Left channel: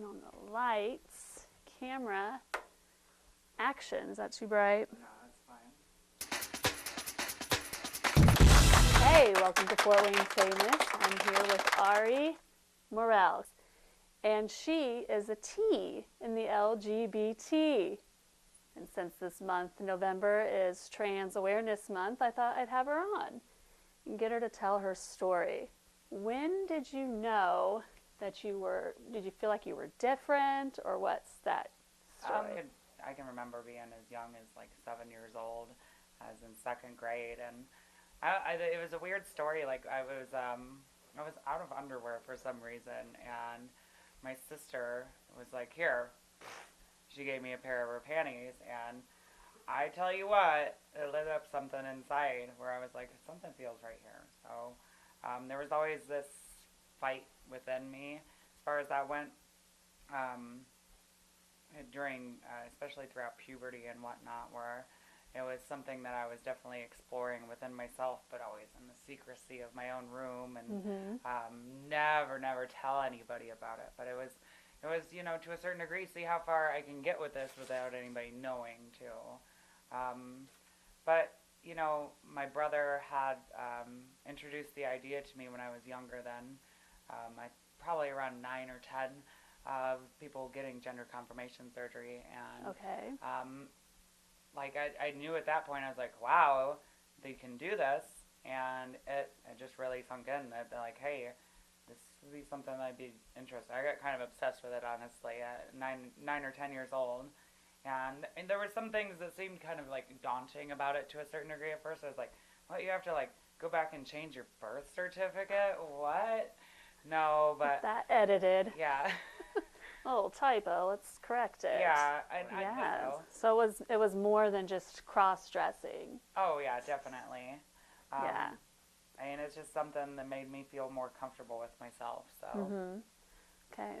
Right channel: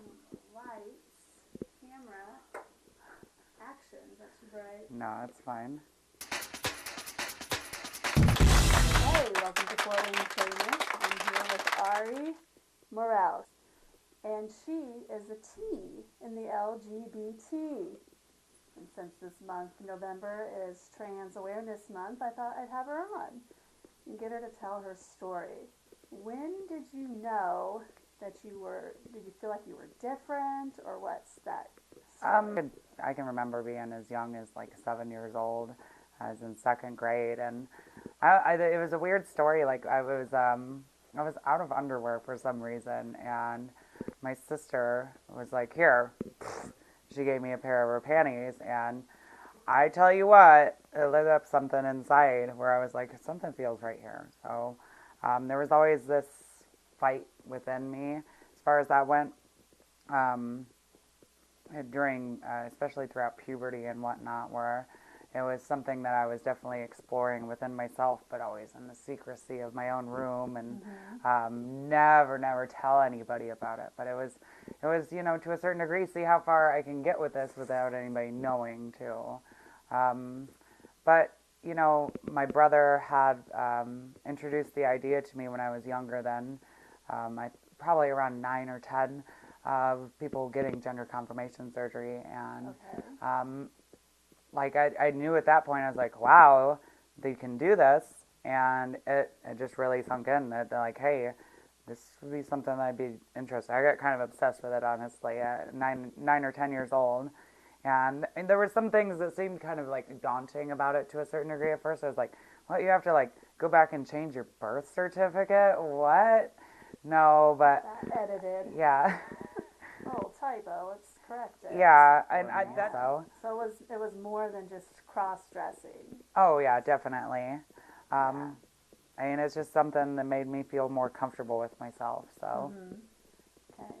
Turn on the lights. Camera. Action. Is that too bright? No, it's fine. Hey, welcome to Flowing Famous. I'm here with Arie Morel. And she is a T in the LGBT. And since this month, November, is Trans Awareness Month, I thought I'd have her on and get her to tell her story. When did you know that did you feel like you were different, or what's that story? I can remember being as young as like 7 years old. I was in second grade, and it was a weird story. Like I was out of underwear for some reason, and my sister was like, "Here." She gave me a pair of her panties, and I tell you what, it lit up something inside where I was like, something feels right here. So there was always this fight within me as far as that went. During, especially throughout puberty and whatnot, where it was something that I was definitely exploring within myself, but always in the secrecy of my own room, and never tell anybody about it. But it was, to a certain degree, see how far I can get with this without anybody knowing too. But my brother had introduced the idea to me when I was younger. Then, probably around 9 or 10. Of people getting gender confirmation surgery, and I knew at that point, I was like, wow, they can do this, and it just really sunk in that like, hey, this would be something that I'd be interested. I got kind of obsessed with it, honestly, at 9 or 10 years old, and there were some things that seemed kind of like daunting about it to a certain degree at first. I was like, what, you have to like go back and change your birth certificate? What? No, but that edited. Yeah. Oh, typo. Let's correct it. Yeah, and I guess so. So it was more than just cross-dressing. Oh yeah, definitely. Yeah. I mean, it's just something that made me feel more comfortable with myself. So. Okay,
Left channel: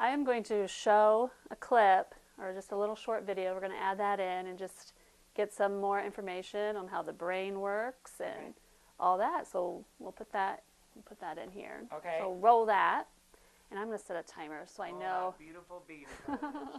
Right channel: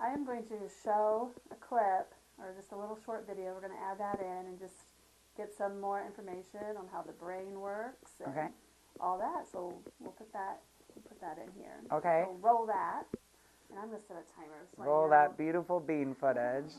I am going to show a clip or just a little short video. We're going to add that in and just get some more information on how the brain works and all that. So we'll put that in here. Okay. So roll that. And I'm going to set a timer so Roll I know. that beautiful bean footage.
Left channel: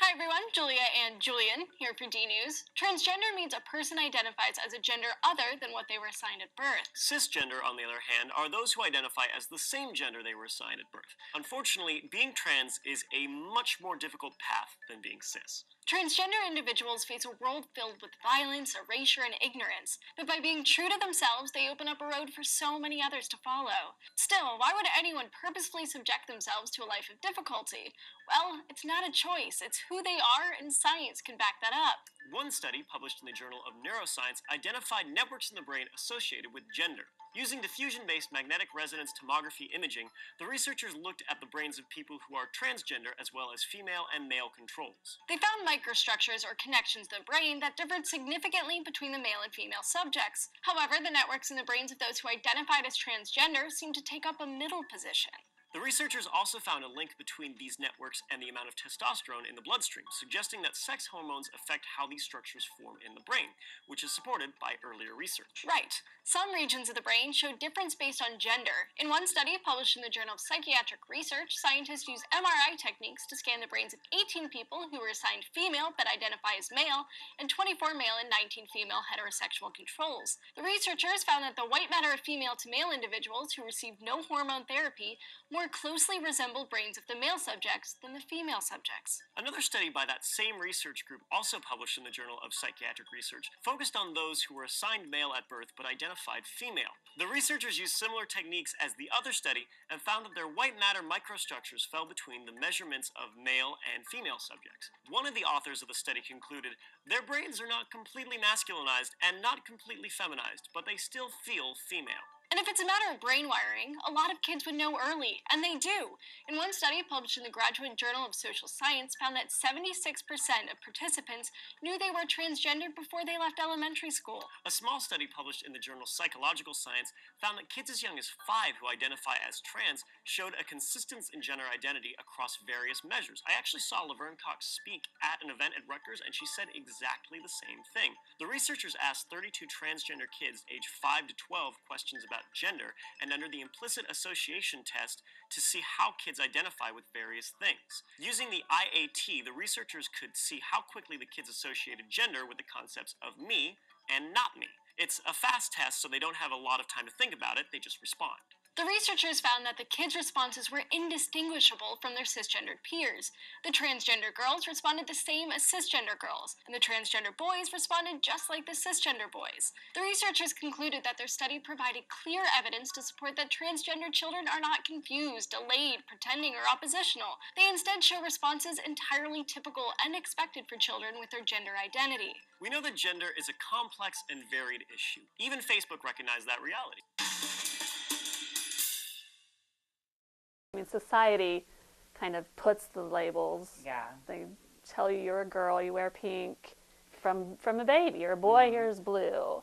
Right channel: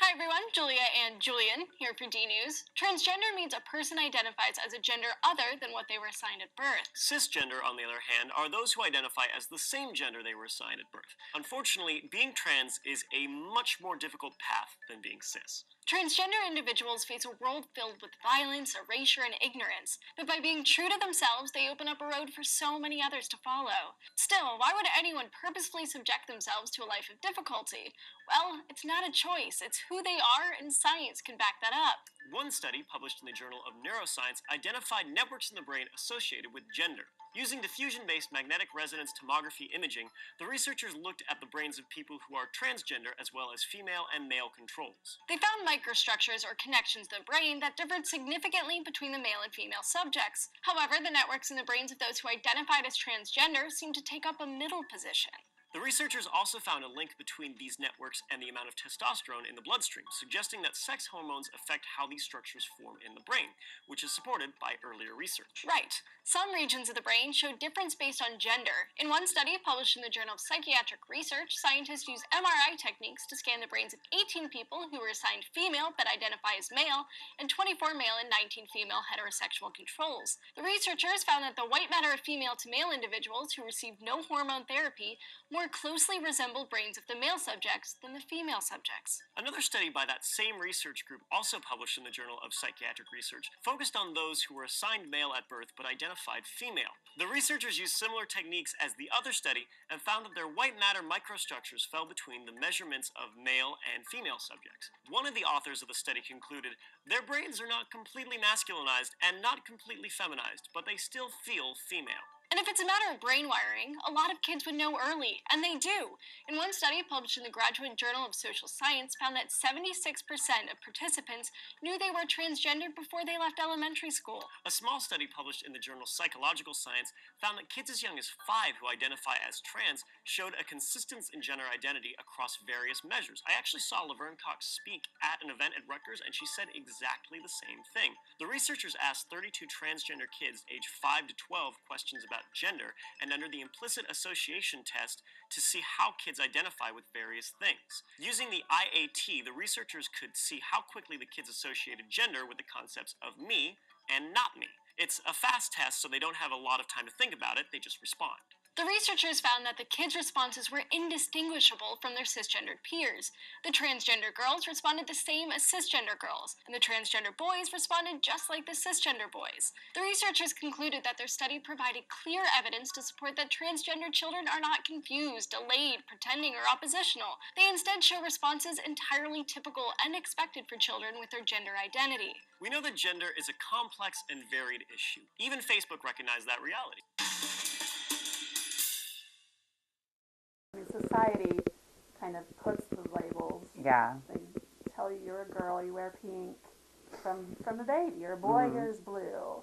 Hi everyone, Julia and Julian here for D News. Transgender means a person identifies as a gender other than what they were assigned at birth. Cisgender, on the other hand, are those who identify as the same gender they were assigned at birth. Unfortunately, being trans is a much more difficult path than being cis. Transgender individuals face a world filled with violence, erasure, and ignorance, but by being true to themselves, they open up a road for so many others to follow. Still, why would anyone purposefully subject themselves to a life of difficulty? Well, it's not a choice, it's who they are, and science can back that up. One study published in the Journal of Neuroscience identified networks in the brain associated with gender. Using diffusion-based magnetic resonance tomography imaging, the researchers looked at the brains of people who are transgender as well as female and male controls. They found microstructures or connections in the brain that differed significantly between the male and female subjects. However, the networks in the brains of those who identified as transgender seemed to take up a middle position. The researchers also found a link between these networks and the amount of testosterone in the bloodstream, suggesting that sex hormones affect how these structures form in the brain, which is supported by earlier research. Right. Some regions of the brain show difference based on gender. In one study published in the Journal of Psychiatric Research, scientists used MRI techniques to scan the brains of 18 people who were assigned female but identify as male, and 24 male and 19 female heterosexual controls. The researchers found that the white matter of female to male individuals who received no hormone therapy more closely resembled brains of the male subjects than the female subjects. Another study by that same research group, also published in the Journal of Psychiatric Research, focused on those who were assigned male at birth but identified female. The researchers used similar techniques as the other study and found that their white matter microstructures fell between the measurements of male and female subjects. One of the authors of the study concluded, their brains are not completely masculinized and not completely feminized, but they still feel female. And if it's a matter of brain wiring, a lot of kids would know early, and they do. In one study published in the Graduate Journal of Social Science found that 76% of participants knew they were transgender before they left elementary school. A small study published in the journal Psychological Science found that kids as young as 5 who identify as trans showed a consistence in gender identity across various measures. I actually saw Laverne Cox speak at an event at Rutgers, and she said exactly the same thing. The researchers asked 32 transgender kids aged 5 to 12 questions about about gender and under the implicit association test to see how kids identify with various things. Using the IAT, the researchers could see how quickly the kids associated gender with the concepts of me and not me. It's a fast test, so they don't have a lot of time to think about it, they just respond. The researchers found that the kids' responses were indistinguishable from their cisgendered peers. The transgender girls responded the same as cisgender girls, and the transgender boys responded just like the cisgender boys. The researchers concluded that their study provided clear evidence to support that transgender children are not confused, delayed, pretending, or oppositional. They instead show responses entirely typical and expected for children with their gender identity. We know that gender is a complex and varied issue. Even Facebook recognized that reality. I mean, society kind of puts the labels. Yeah. They tell you you're a girl, you wear pink from a baby. You're a boy, here's blue.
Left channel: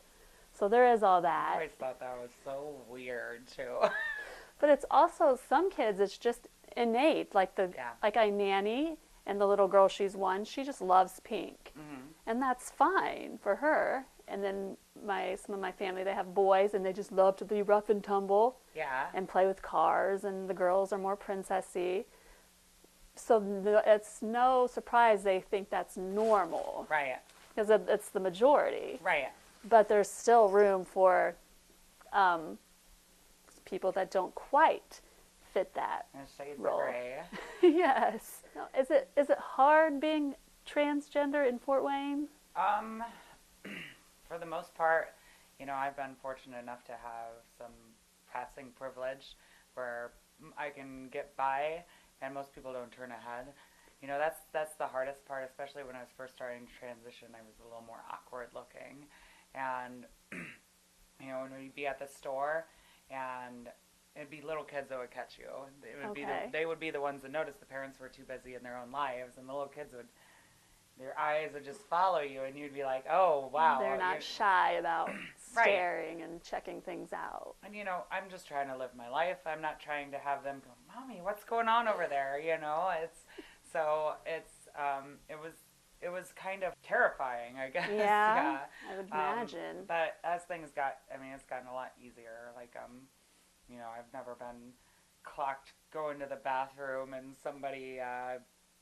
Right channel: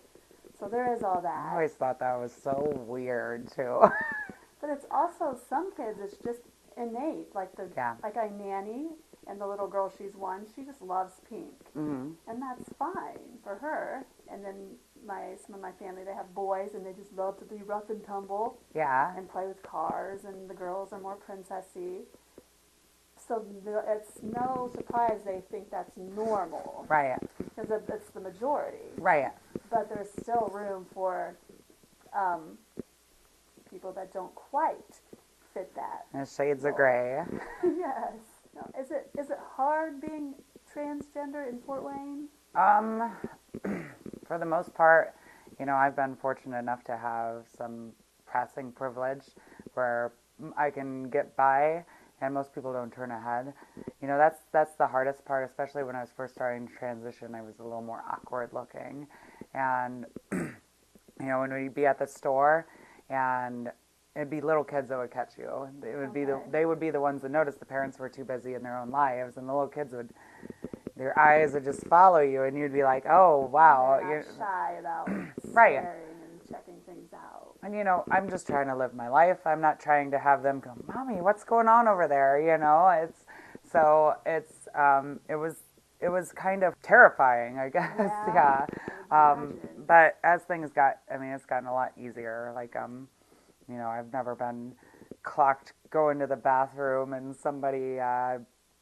So there is all that. I always thought that was so weird, too. But it's also, some kids, it's just innate. Like I nanny, and the little girl, she's one, she just loves pink. Mm-hmm. And that's fine for her. And then some of my family, they have boys, and they just love to be rough and tumble. Yeah. And play with cars, and the girls are more princessy. So it's no surprise they think that's normal. Right. Because it's the majority. Right. But there's still room for people that don't quite fit that. There's shades role. of gray. Yes. Is it hard being transgender in Fort Wayne? For the most part, I've been fortunate enough to have some passing privilege where I can get by, and most people don't turn ahead. That's the hardest part, especially when I was first starting to transition. I was a little more awkward looking, and when we'd be at the store, and it'd be little kids that would catch you. It would they would be the ones that noticed. The parents were too busy in their own lives, and the little kids their eyes would just follow you, and you'd be like, oh, wow. They're not shy about Right. staring and checking things out. And, I'm just trying to live my life. I'm not trying to have them go, Mommy, what's going on over there? It was kind of terrifying, I guess. Yeah. I would imagine. But as things it's gotten a lot easier. Like, I've never been clocked going to the bathroom and somebody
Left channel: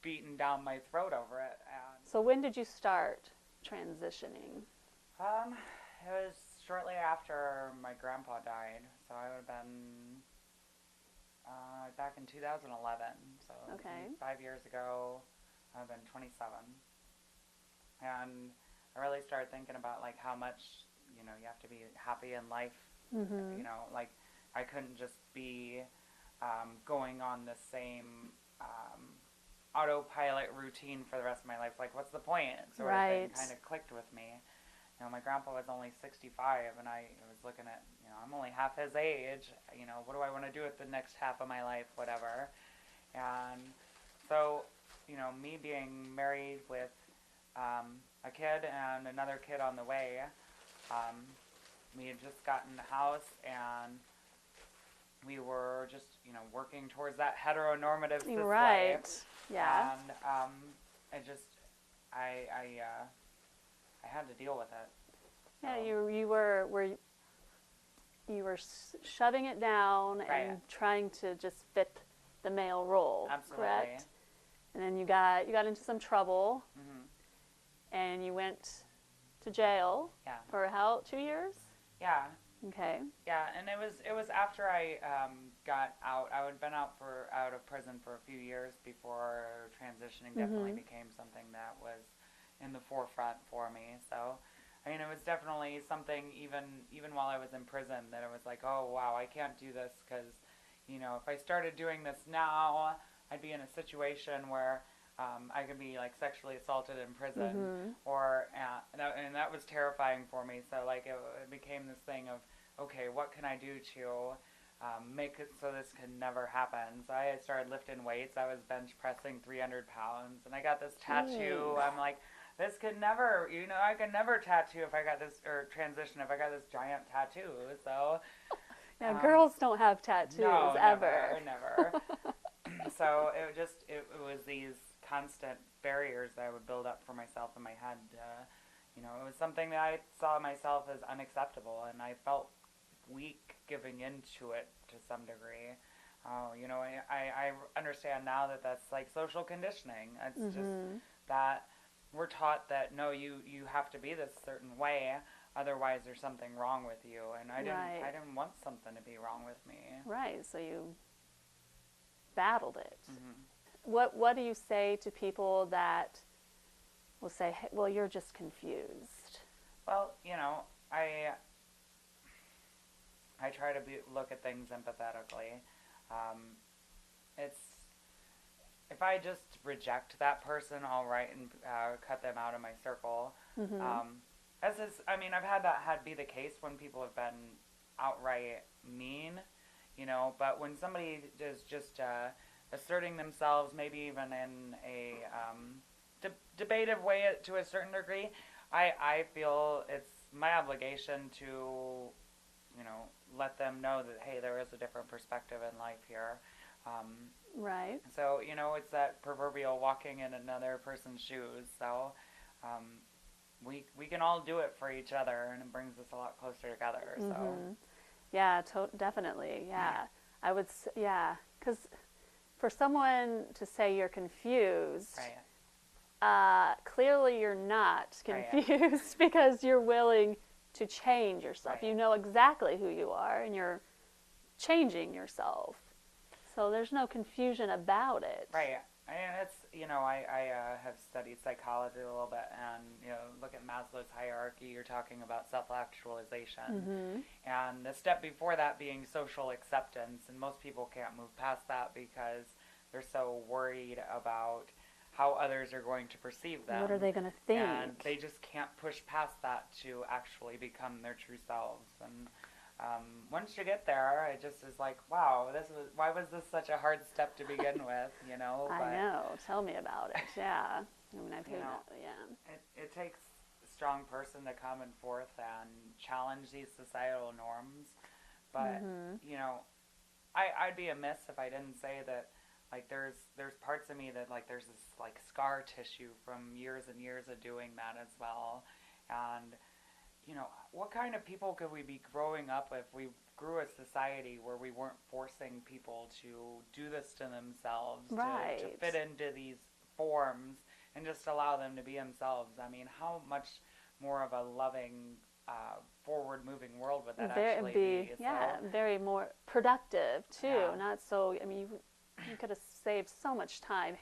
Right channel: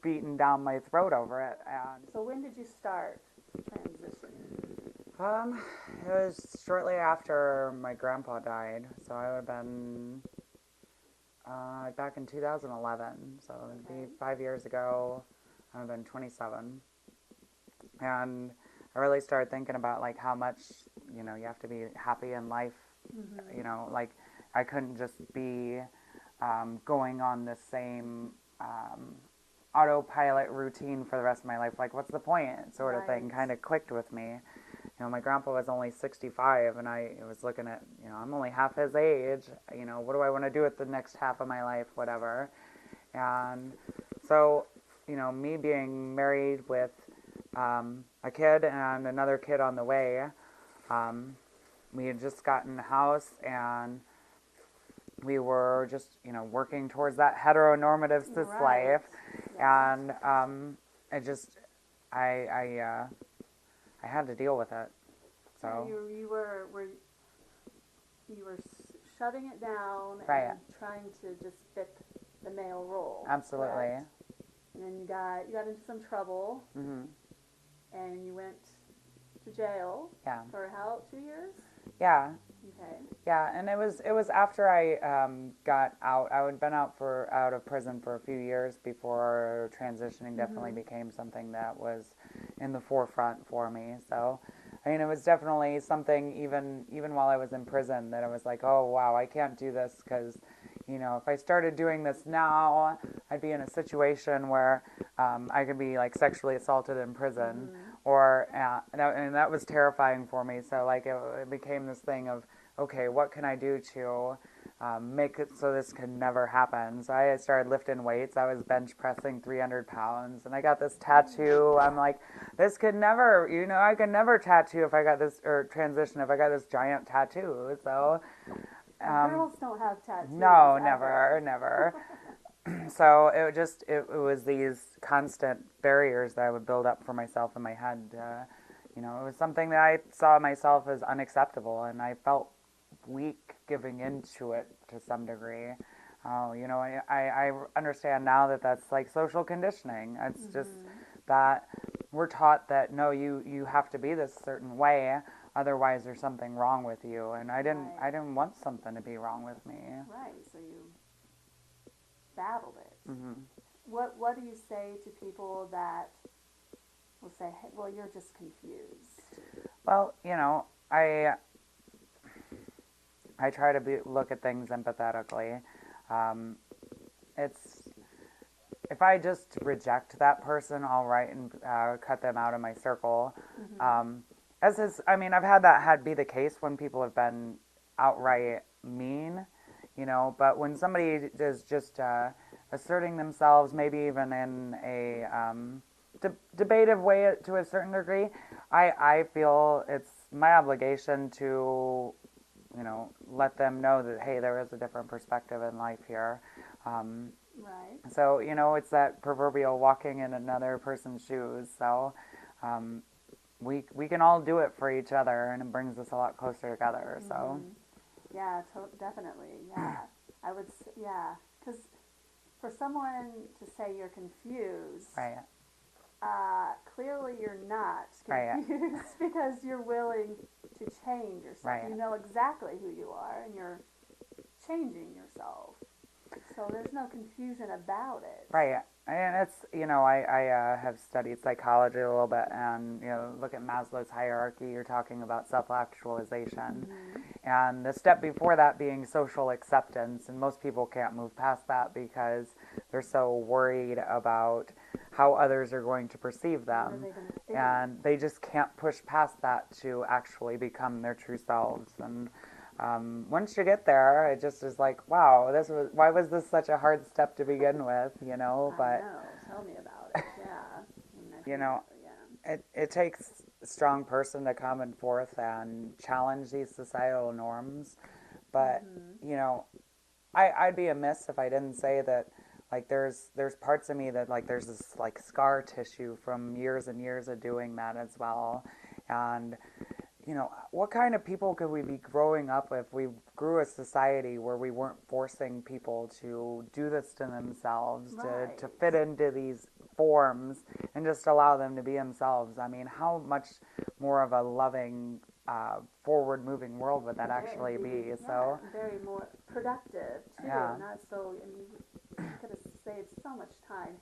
beating down my throat over it. So when did you start transitioning? It was shortly after my grandpa died, so I would have been back in 2011, so maybe 5 years ago. I've been 27, and I really started thinking about like how much you have to be happy in life. Mm-hmm. Like I couldn't just be going on the same autopilot routine for the rest of my life. Like, what's the point? Sort of thing kind of clicked with me. My grandpa was only 65, and I was looking at, I'm only half his age. What do I want to do with the next half of my life, whatever. And so, me being married with a kid and another kid on the way, we had just gotten a house, and we were just, working towards that heteronormative cis life. Yeah. And I had to deal with it. So. Yeah, you were shoving it down and trying to just fit the male role. Absolutely. Correct? And then you got into some trouble. Mm-hmm. And you went to jail. Yeah. For how, 2 years? Yeah. Okay. Yeah, and it was after I got out. I had been out of prison for a few years before transitioning. Definitely became something that was in the forefront for me. So, it was definitely something even while I was in prison that I was like, oh wow, I can't do this because, if I started doing this now, I'd be in a situation where I could be like sexually assaulted in prison, or and that was terrifying for me. So like it became this thing of, okay, what can I do to make it so this can never happen? So I started lifting weights. I was bench pressing 300 pounds, and I got this tattoo. I'm like, this could never, I could never tattoo if I got this, or transition if I got this giant tattoo. So. And girls don't have tattoos. No, ever. never. So it was these constant barriers that I would build up for myself in my head. It was something that I saw myself as unacceptable, and I felt weak giving into it to some degree. You know, I understand now that that's like social conditioning. It's just that we're taught that, no, you have to be this certain way, otherwise there's something wrong with you. And I didn't want something to be wrong with me. Right, so you battled it. What do you say to people that will say, hey, well, you're just confused? Well, you know, I try to look at things empathetically. It's, if I just reject that person, all right, and cut them out of my circle. As is, I mean, I've had that be the case when people have been outright mean, you know. But when somebody is just asserting themselves, maybe even in a debative way to a certain degree, I feel it's my obligation to, you know, let them know that, hey, there is a different perspective in life here. Right. So, you know, it's that proverbial walking in another person's shoes. So we can all do it for each other, and it brings us a lot closer together. So yeah, definitely. Yeah. I would yeah, because for someone to say you're confused, right. Clearly you're not confused, right. Because you're willing to change yourself. Right. You know exactly who you are, and you're changing yourself. So there's no confusion about it. Right. And it's, you know, I have studied psychology a little bit, and, you know, look at Maslow's hierarchy. You're talking about self-actualization. And the step before that being social acceptance. And most people can't move past that because they're so worried about how others are going to perceive them. What are they going to think? And they just can't push past that to actually become their true selves. And once you get there, it just is like, wow, why was this such a hard step to begin with, you know? But, I know. Tell me about it. Yeah. I mean, you know, it takes a strong person to come and forth and challenge these societal norms. But, you know, I'd be amiss if I didn't say that, like, there's parts of me that, like, there's this, like, scar tissue from years and years of doing that as well. And, you know, what kind of people could we be growing up if we grew a society where we weren't forcing people to do this to themselves, right. to fit into these forms and just allow them to be themselves? I mean, how much more of a loving, forward-moving world would that actually be? Yeah, so, very more productive, too. Yeah. Not so, I mean, you could have saved so much time,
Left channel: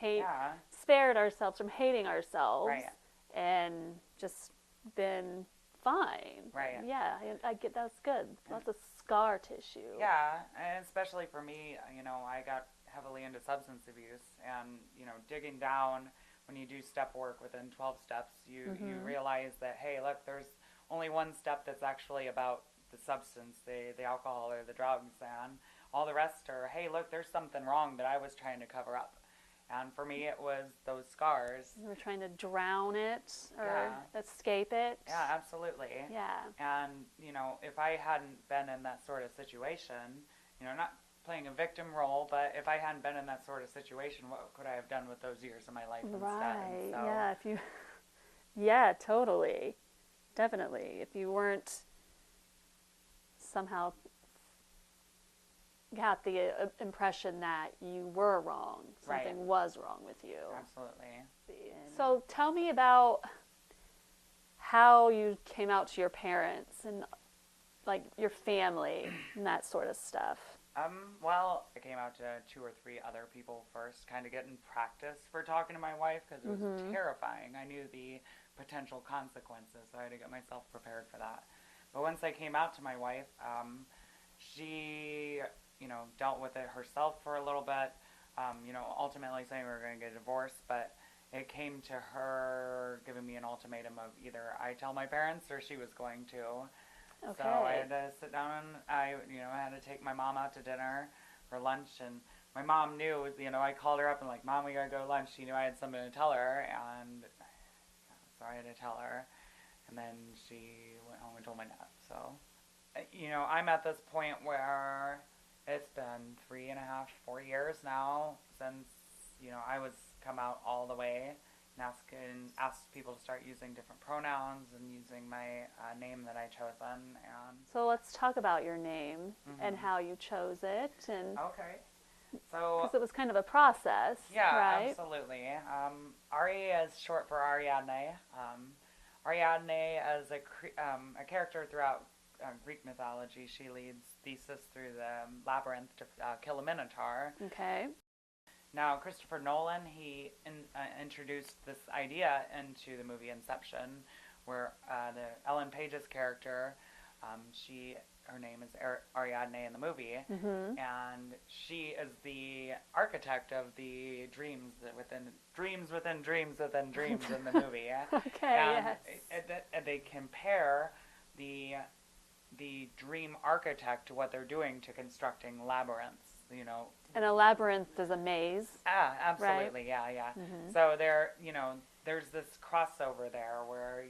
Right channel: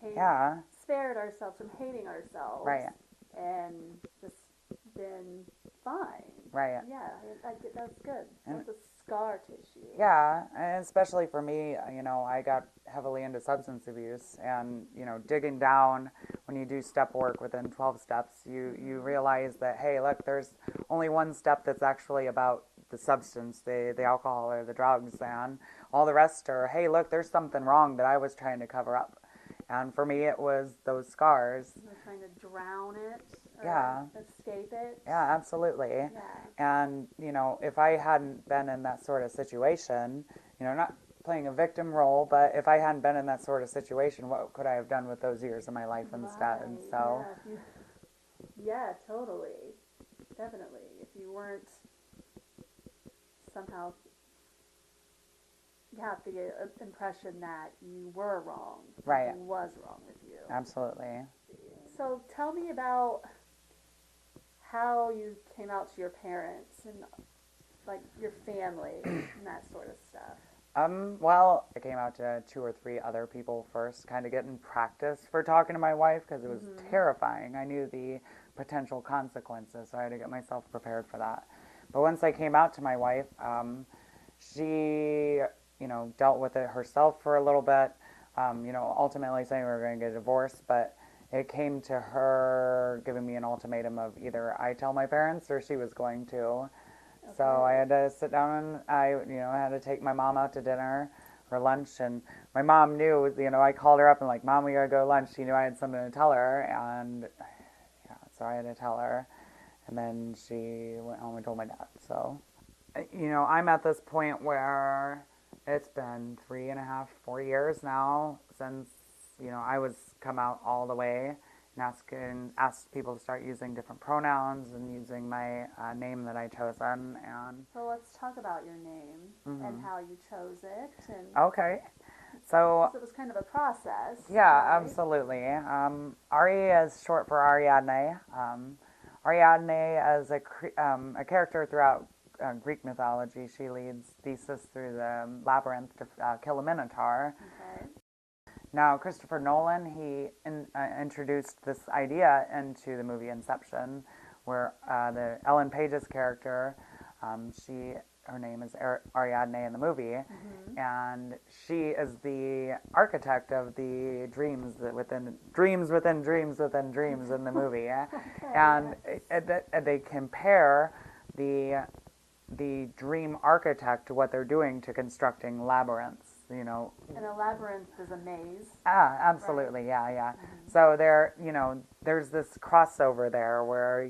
spared ourselves from hating ourselves, right. and just been fine. Right. Yeah, I get that's good. Lots of scar tissue. Yeah, and especially for me, you know, I got heavily into substance abuse, and, you know, digging down, when you do step work within 12 steps, you realize that, hey, look, there's only one step that's actually about the substance, the alcohol or the drugs, and all the rest are, hey, look, there's something wrong that I was trying to cover up. And for me, it was those scars. You were trying to drown it or escape it. Yeah, absolutely. Yeah. And, you know, if I hadn't been in that sort of situation, you know, not playing a victim role, but if I hadn't been in that sort of situation, what could I have done with those years of my life instead? Right. So, yeah, totally. Definitely. If you weren't somehow got the impression that you were wrong. Something was wrong with you. Absolutely. So tell me about how you came out to your parents and, like, your family and that sort of stuff. Well, I came out to 2 or 3 other people first, kind of getting practice for talking to my wife, because it was terrifying. I knew the potential consequences, so I had to get myself prepared for that. But once I came out to my wife, she, you know, dealt with it herself for a little bit, you know, ultimately saying we were going to get a divorce, but it came to her giving me an ultimatum of either I tell my parents or she was going to. Okay. So I had to sit down and I had to take my mom out to dinner or lunch, and my mom knew, you know, I called her up and like, Mom, we gotta go to lunch. She knew I had something to tell her, and so I had to tell her, and then she went home and told my dad. So, you know, I'm at this point where it's been 3.5, 4 years now since, you know, I was come out all the way, and asked people to start using different pronouns and using my name that I chosen. And So let's talk about your name and how you chose it. And okay, so 'cause it was kind of a process. yeah, right? absolutely. Arie is short for Ariadne. Ariadne is a character throughout Greek mythology. She leads Theseus through the labyrinth to kill a minotaur. Okay. Now, Christopher Nolan, he introduced this idea into the movie Inception, where the Ellen Page's character, her name is Ariadne in the movie, and she is the architect of the dreams within dreams within dreams within dreams in the movie. Okay. And yes. they compare the dream architect to what they're doing to constructing labyrinths. And a labyrinth is a maze. Absolutely, right? yeah. So there's this crossover there where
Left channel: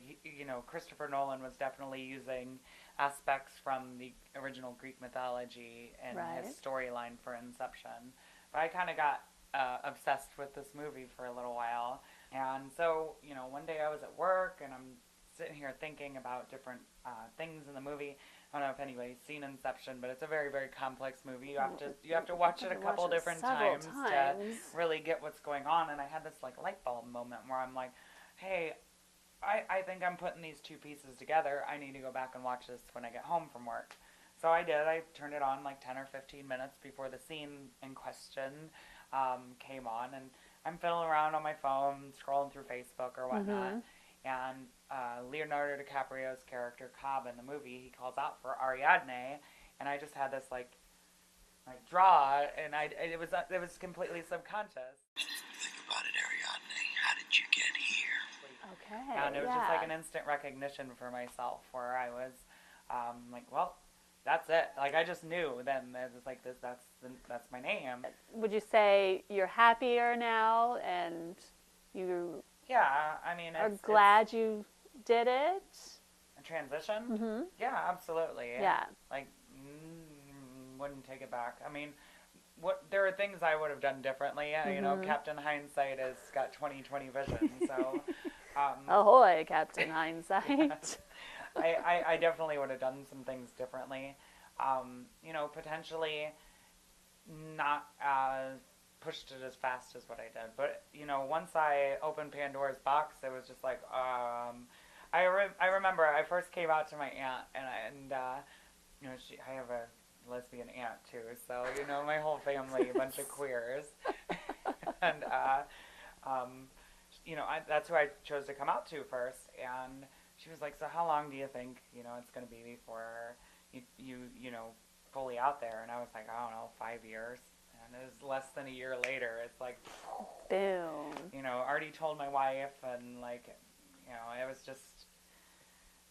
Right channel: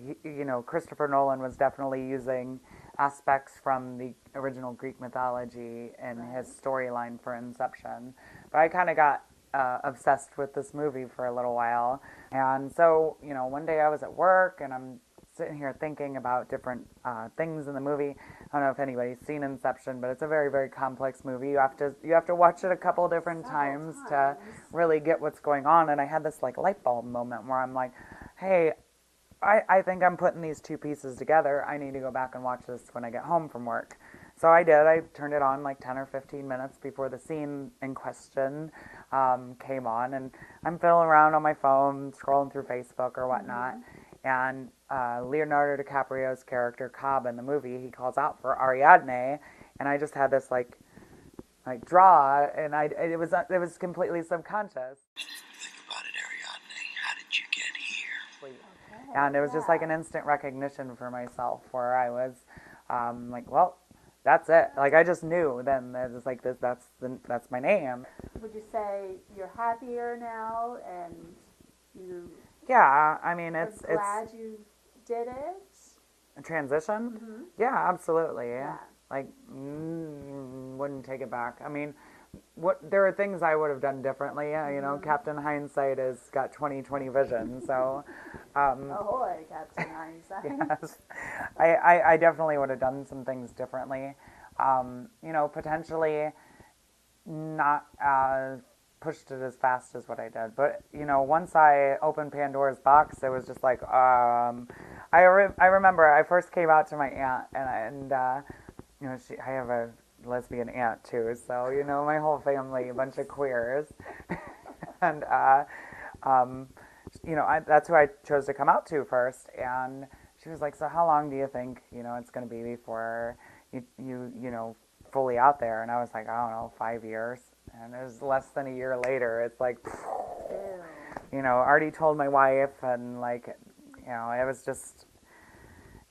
Christopher Nolan was definitely using aspects from the original Greek mythology in his storyline for Inception. But I kind of got obsessed with this movie for a little while, and so one day I was at work and I'm sitting here thinking about different things in the movie. I don't know if anybody's seen Inception, but it's a very, very complex movie. You have to watch it a couple different times to really get what's going on. And I had this light bulb moment where I'm like, hey, I think I'm putting these two pieces together. I need to go back and watch this when I get home from work. So I did. I turned it on 10 or 15 minutes before the scene in question came on, and I'm fiddling around on my phone, scrolling through Facebook or whatnot. And Leonardo DiCaprio's character, Cobb, in the movie, he calls out for Ariadne, and I just had this draw, and it was completely subconscious. Think about it, Ariadne. How did you get here? Okay. And it was just an instant recognition for myself, where I was well, that's it. I just knew then. It was this. That's my name. Would you say you're happier now, and you? Yeah, I mean, I'm glad you did it. A transition? Yeah, absolutely. Yeah. Wouldn't take it back. I mean, there are things I would have done differently. Captain Hindsight has got 20/20 vision. So, ahoy, Captain Hindsight. Yes. I definitely would have done some things differently. Potentially not pushed it as fast as what I did. But, once I opened Pandora's box, it was just I remember I first came out to my aunt, and I have a lesbian aunt too, so, my whole family, a bunch of queers. And, that's who I chose to come out to first. And she was like, so how long do you think, it's going to be before you fully out there? And I was like, I don't know, 5 years. And it was less than a year later. It's boom. Already told my wife, and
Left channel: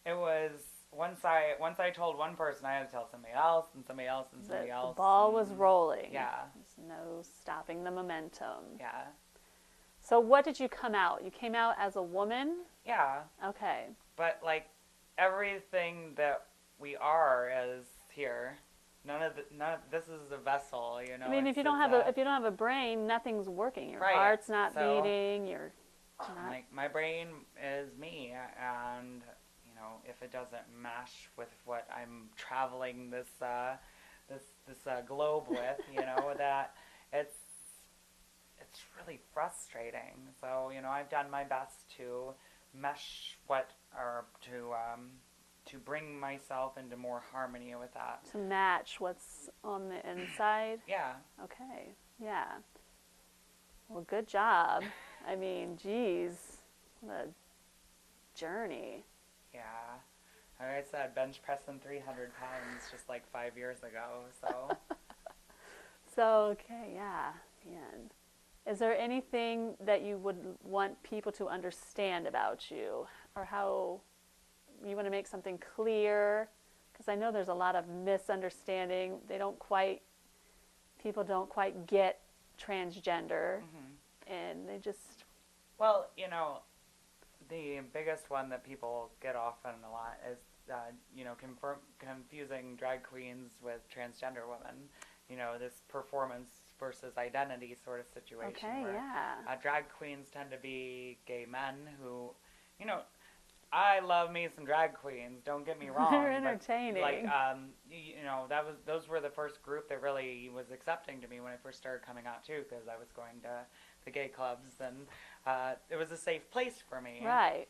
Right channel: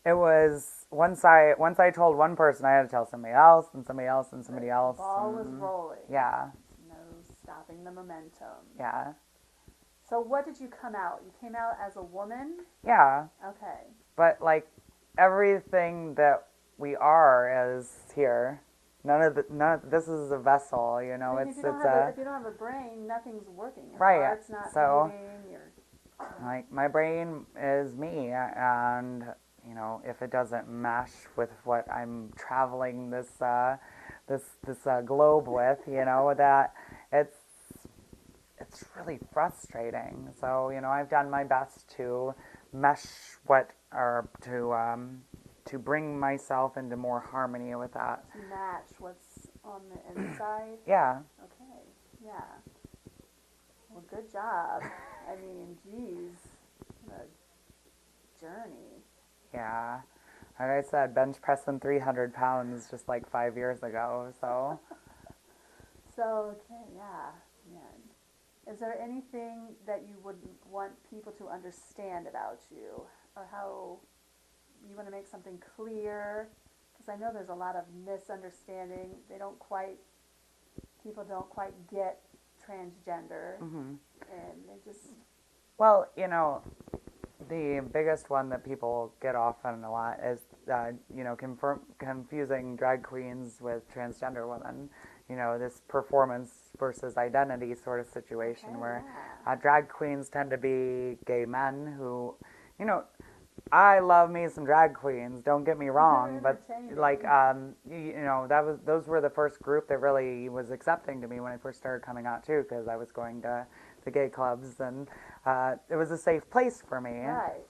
it was once I told one person, I had to tell somebody else, and somebody else, and somebody else. The ball was rolling. Yeah. There's no stopping the momentum. Yeah. So what did you come out? You came out as a woman? Yeah. Okay. But everything that we are is here. This is a vessel, I mean, if you don't have a brain, nothing's working. Your heart's not beating. My brain is me, and if it doesn't mesh with what I'm traveling this globe with, that it's really frustrating. So I've done my best to mesh to bring myself into more harmony with that. To match what's on the inside? Yeah. Okay. Yeah. Well, good job. I mean, geez, what a journey. Yeah. Like I said, bench pressing 300 pounds just 5 years ago, so. Okay, yeah. Man. Is there anything that you would want people to understand about you, or how you want to make something clear? Because I know there's a lot of misunderstanding. People don't quite get transgender, and they just... Well, The biggest one that people get off on a lot is, confusing drag queens with transgender women. This performance versus identity sort of situation Okay, where yeah. drag queens tend to be gay men who, I love me some drag queens. Don't get me wrong, They're but entertaining. like, those were the first group that really was accepting to me when I first started coming out too, because I was going to the gay clubs and it was a safe place for me. Right.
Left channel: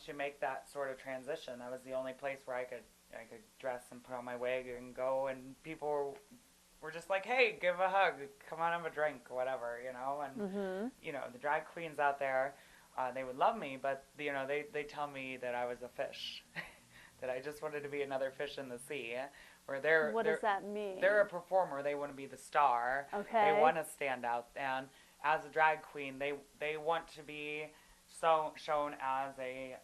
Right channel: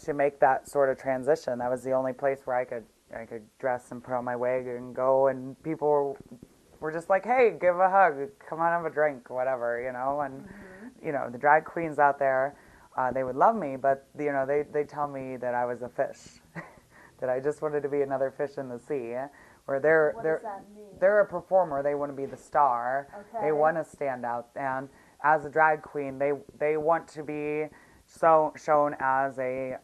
To make that sort of transition. That was the only place where I could dress and put on my wig and go, and people were just like, hey, give a hug, come on, have a drink, whatever, and the drag queens out there, they would love me, but they tell me that I was a fish, that I just wanted to be another fish in the sea. Where what does that mean? They're a performer. They want to be the star. Okay. They want to stand out, and as a drag queen, they want to be shown as a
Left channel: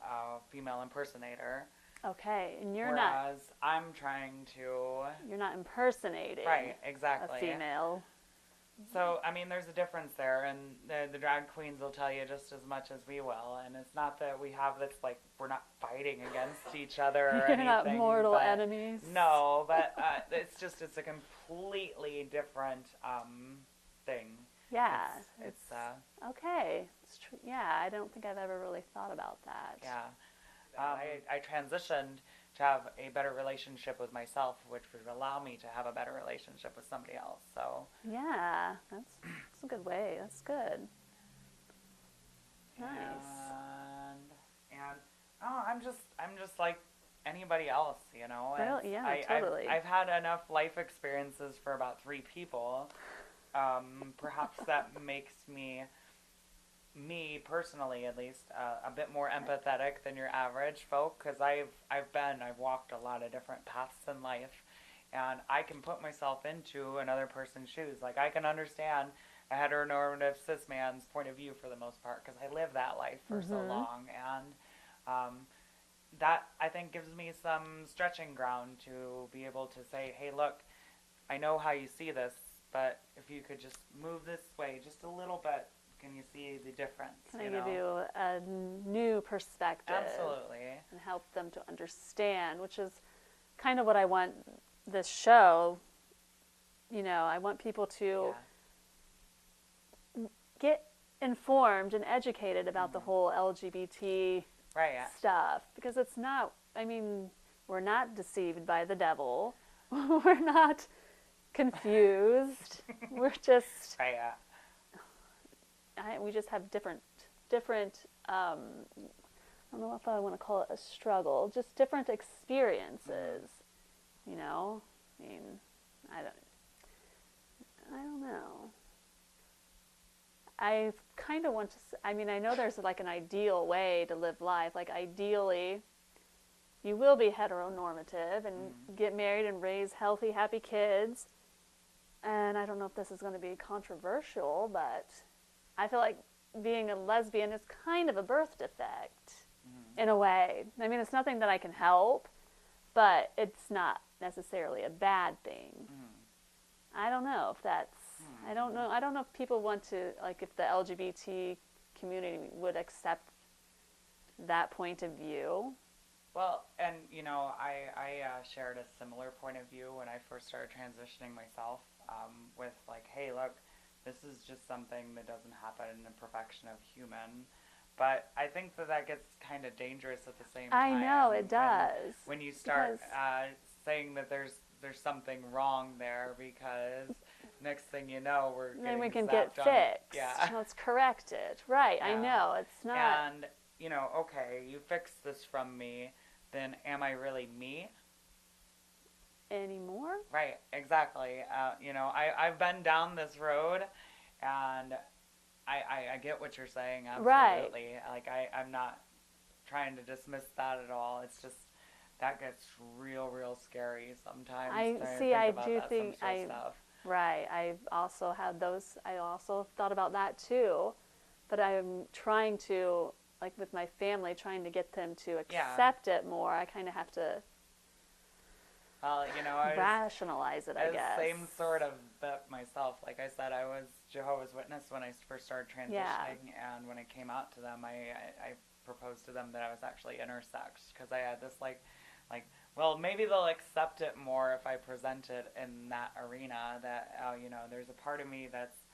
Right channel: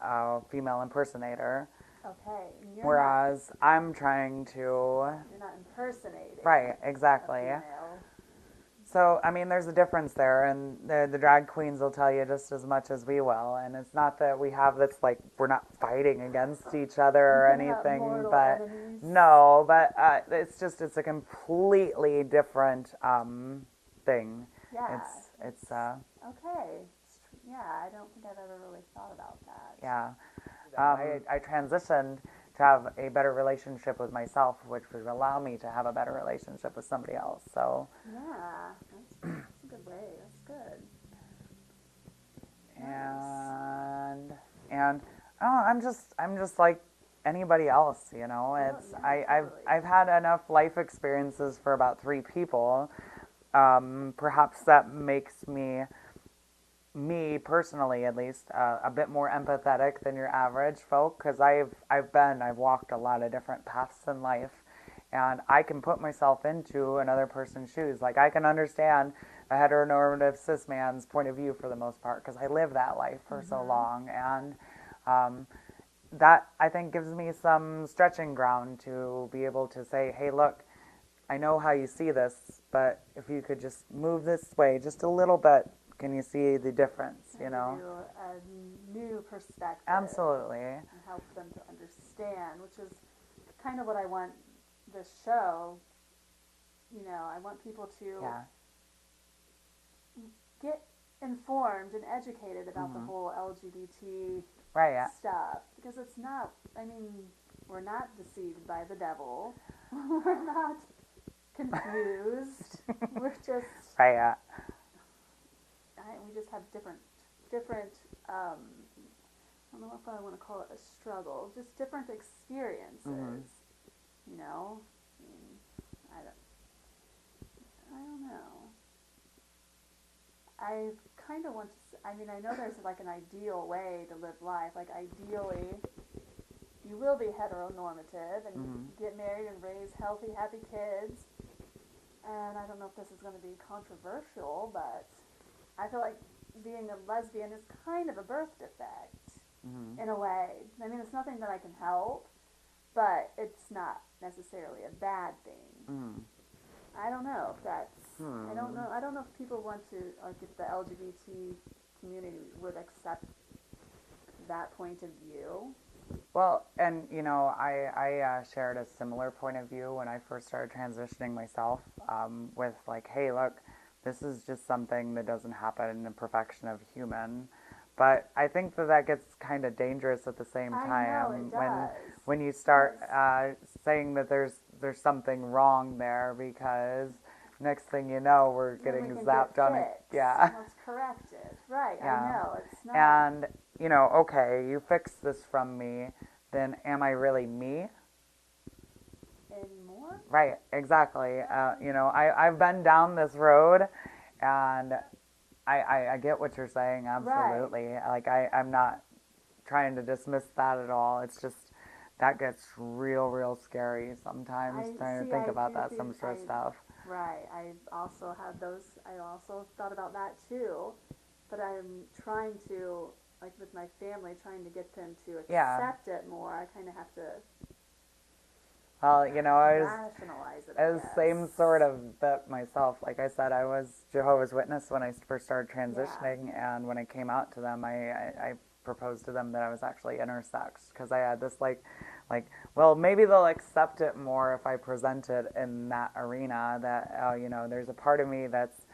female impersonator. Okay, and whereas I'm trying to. You're not impersonating. Right, exactly. A female. So, I mean, there's a difference there, and the drag queens will tell you just as much as we will. And it's not that we have this, like, we're not fighting against each other or anything. Not mortal but enemies. No, but it's a completely different thing. Yeah. It's okay. It's yeah, I don't think I've ever really thought about that. Yeah. I transitioned to have a better relationship with myself, which would allow me to have a better relationship with somebody else. So yeah, that's a good way. That's good. Nice. And I'm just like anybody else, It's, well, yeah, totally. I've had enough life experiences for about 3 people. Perhaps that makes me personally at least, a bit more empathetic than your average folk, because I've walked a lot of different paths in life, and I can put myself into another person's shoes. Like, I can understand a heteronormative cis man's point of view for the most part, because I lived that life for so long, and that, I think, gives me some stretching ground to be able to say, hey, look, I know how you see this, but if you could just move this way just a little bit, can you see the difference? Give you a new perspective. Absolutely. And help them to understand, which is kind of what I want this show. I want people to get informed and educated about the whole LGBT stuff, because it's not. I mean, we're not deceived by the devil. We're not confused. We're just. We just have different. I don't know if I want to call it a struggle. Just different experiences. I mean, I don't know. I kind of want to. I mean, I know there's like an ideal way to live life. Like, ideally, you will be heteronormative and get married and raise healthy, happy kids. And I don't know if this is going to be controversial, but I feel like being a lesbian is kind of a birth defect in a way. I mean, it's nothing that I can help, but it's not necessarily a bad thing. I don't know if that's. I don't know. I don't know if people want to, like, if the LGBT community would accept that point of view. Well, and I shared a similar point of view when I first started transitioning myself, with like, hey, look, this is just something that doesn't happen in the perfection of human. But I think that gets kind of dangerous at the same time. I know, it does. When you start saying that there's something wrong there, because next thing you know, we're getting then we can zapped get on fixed. Yeah. Let's correct it. Right, Yeah. I know. It's not. And, okay, you fixed this from me, then am I really me? Anymore? Right, exactly. I've been down this road, and I get what you're saying, absolutely. Right. Like, I'm not trying to dismiss that at all. It's just, that gets real scary sometimes, trying to think about that some sort of stuff. Right, I've also had those, I also thought about that too, but I'm trying to, like with my family, trying to get them to accept it more. I kind of have to rationalize it, I guess. Same sort of bet myself. Like I said, I was Jehovah's Witness when I first started transitioning, and when I came out to them, I proposed to them that I was actually intersex, because I had this like, well, maybe they'll accept it more if I present it in that arena, that, you know, there's a part of me that's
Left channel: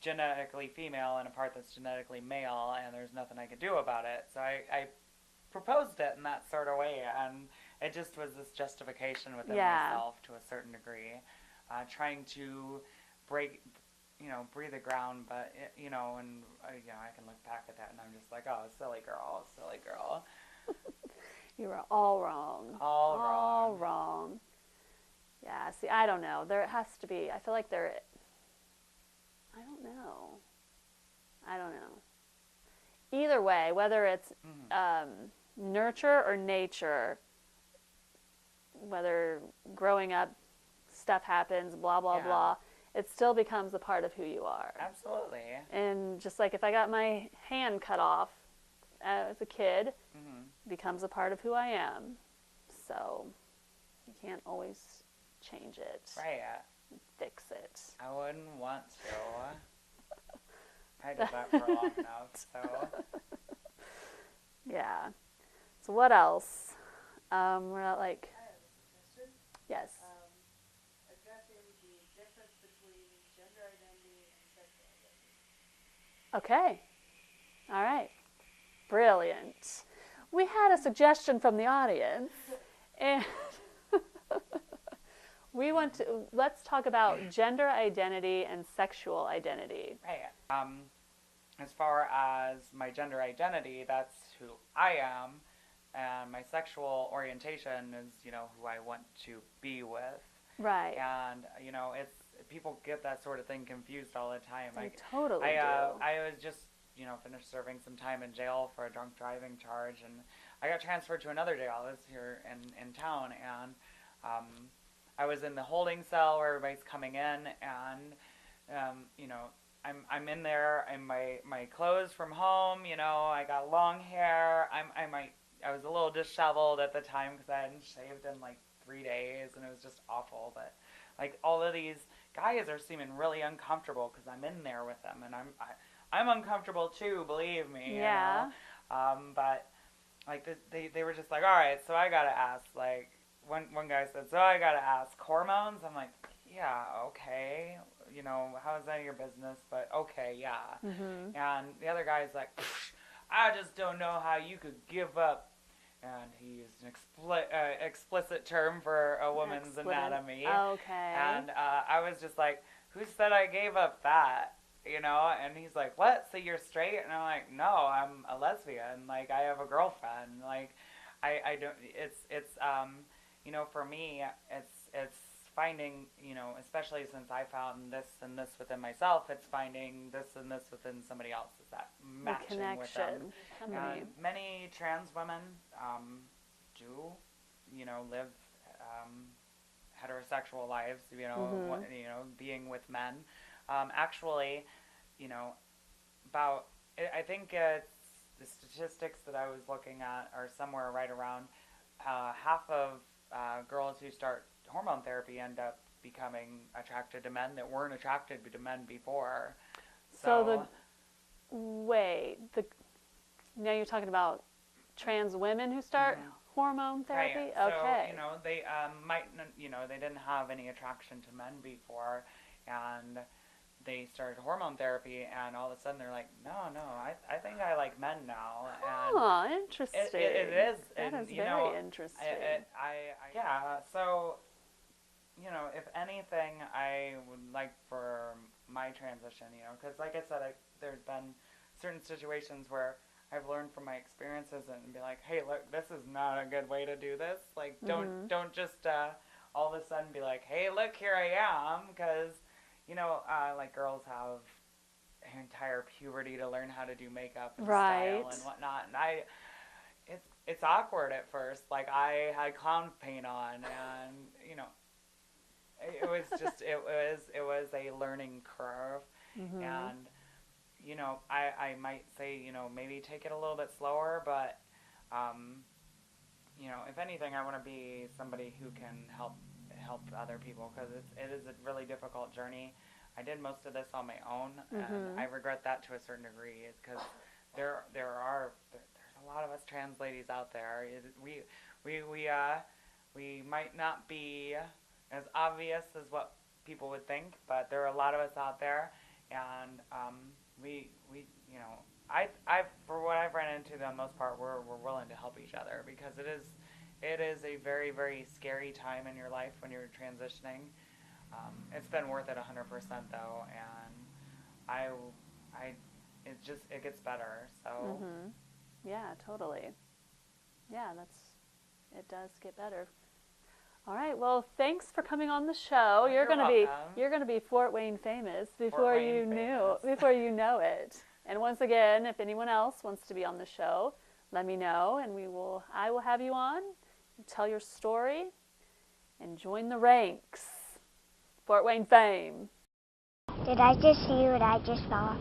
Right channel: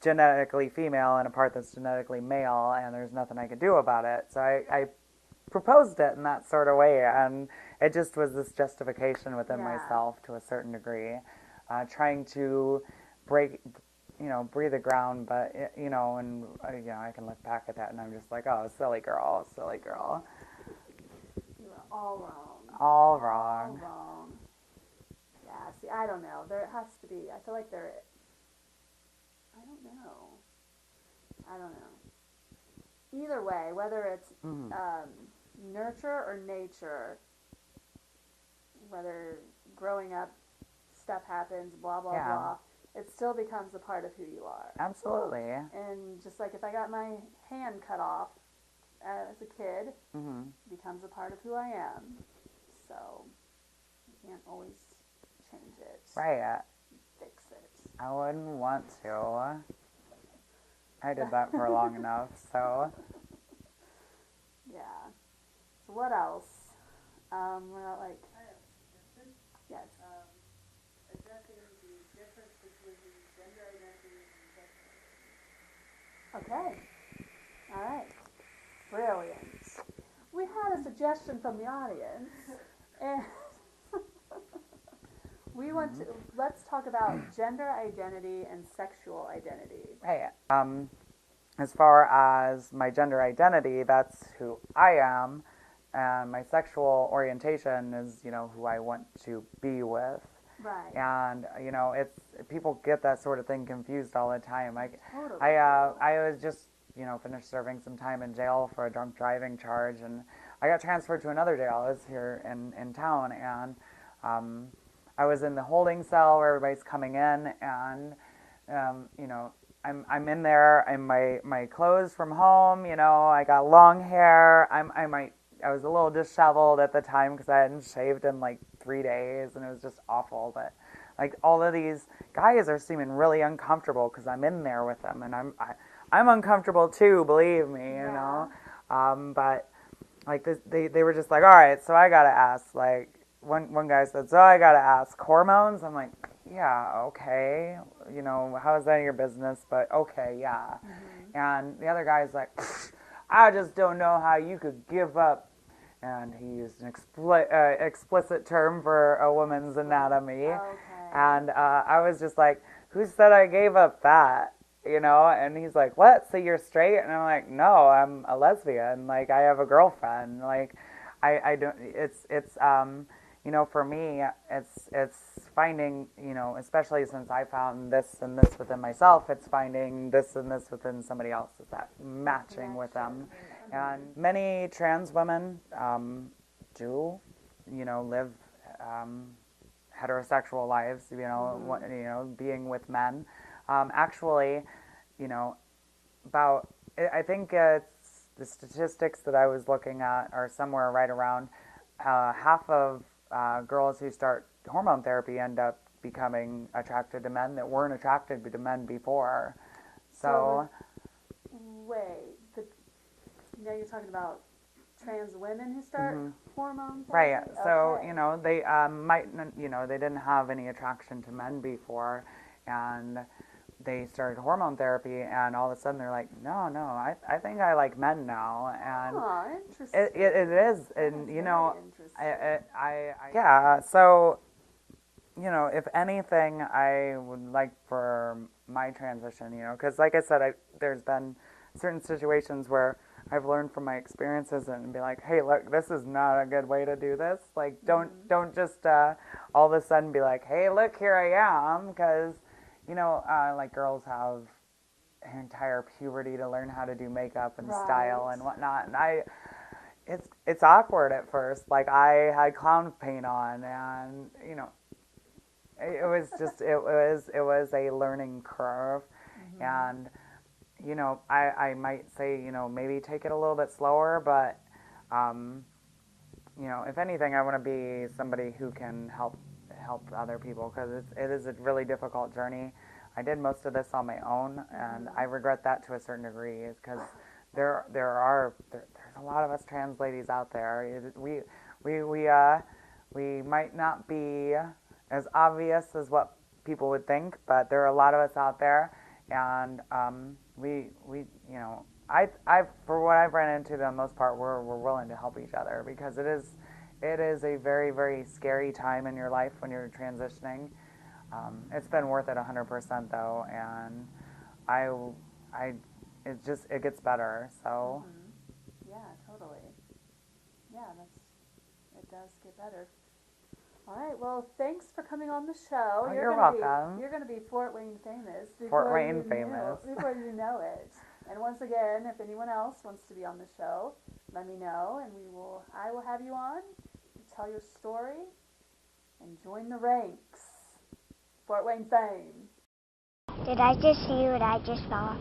genetically female and a part that's genetically male, and there's nothing I could do about it. So I proposed it in that sort of way, and it just was this justification within myself to a certain degree, trying to break the ground, but, you know, and, you know, I can look back at that and I'm just like, oh, silly girl. You were all wrong. All wrong. All wrong. Yeah, see, I don't know. There has to be, I feel like there, I don't know. Either way, whether it's nurture or nature, whether growing up stuff happens, blah, blah, blah, it still becomes a part of who you are. Absolutely. And just like if I got my hand cut off as a kid, it becomes a part of who I am. So you can't always change it. Right. Fix it. I wouldn't want to. I did that for long enough, so. Yeah. So what else? We're not like, yes. Addressing the difference between gender identity and sexual identity. Okay. All right. Brilliant. We had a suggestion from the audience, and let's talk about gender identity and sexual identity. Right. As far as my gender identity, that's who I am, and my sexual orientation is, you know, who I want to be with. Right. And, you know, people get that sort of thing confused all the time. Totally. I was just, you know, finished serving some time in jail for a drunk driving charge, and I got transferred to another jail. It's here in town, and I was in the holding cell where everybody's coming in, and you know, I'm in there. I'm my clothes from home. You know, I got long hair. I was a little disheveled at the time because I hadn't shaved in like 3 days, and it was just awful. But like all of these guys are seeming really uncomfortable because I'm in there with them, and I'm uncomfortable too. Believe me, you know. But like they were just like, all right, so I gotta ask. Like one guy said, so I gotta ask hormones. I'm like, yeah, okay. You know, how is that your business? But okay, yeah. And the other guy's like, I just don't know how you could give up. And he used an explicit term for a woman's anatomy. Okay. And I was just like, who said I gave up that? You know? And he's like, what? So you're straight? And I'm like, no, I'm a lesbian. Like, I have a girlfriend. Like, I don't, it's you know, for me, it's finding, you know, especially since I found this and this within myself, it's finding this and this within somebody else. Is that matching with them? And many trans women do, you know, live heterosexual lives, you know, being with men. Actually, you know, I think it's the statistics that I was looking at are somewhere right around half of girls who start hormone therapy end up becoming attracted to men that weren't attracted to men before. So now you're talking about trans women who start hormone therapy? Right. Okay. So, you know, they they didn't have any attraction to men before, and they started hormone therapy, and all of a sudden they're like, no, I think I like men now. And interesting. It is, that and is you know, very interesting. yeah. So, you know, if anything, I would like for my transition, you know, because like I said, there's been certain situations where I've learned from my experiences and be like, hey, look, this is not a good way to do this. Like, don't just all of a sudden be like, hey, look, here I am, because you know, like girls have an entire puberty to learn how to do makeup and style and whatnot, and it's awkward at first. Like I had clown paint on, and you know, it was just it was a learning curve, and you know, I might say, you know, maybe take it a little bit slower, but you know, if anything, I want to be somebody who can help other people, because it is a really difficult journey. I did most of this on my own, and I regret that to a certain degree, because there's a a lot of us trans ladies out there. We might not be as obvious as what people would think, but there are a lot of us out there, and we you know, I for what I've run into, the most part, we're willing to help each other, because it is a very, very scary time in your life when you're transitioning. It's been worth it 100% though, and it gets better. So Yeah, totally. Yeah, it does get better. All right. Well, thanks for coming on the show. You're welcome. You're gonna be Fort Wayne famous Fort before Wayne you famous. before you know it. And once again, if anyone else wants to be on the show, let me know, and I will have you on, tell your story, and join the ranks. Fort Wayne fame. Did I just see what I just saw?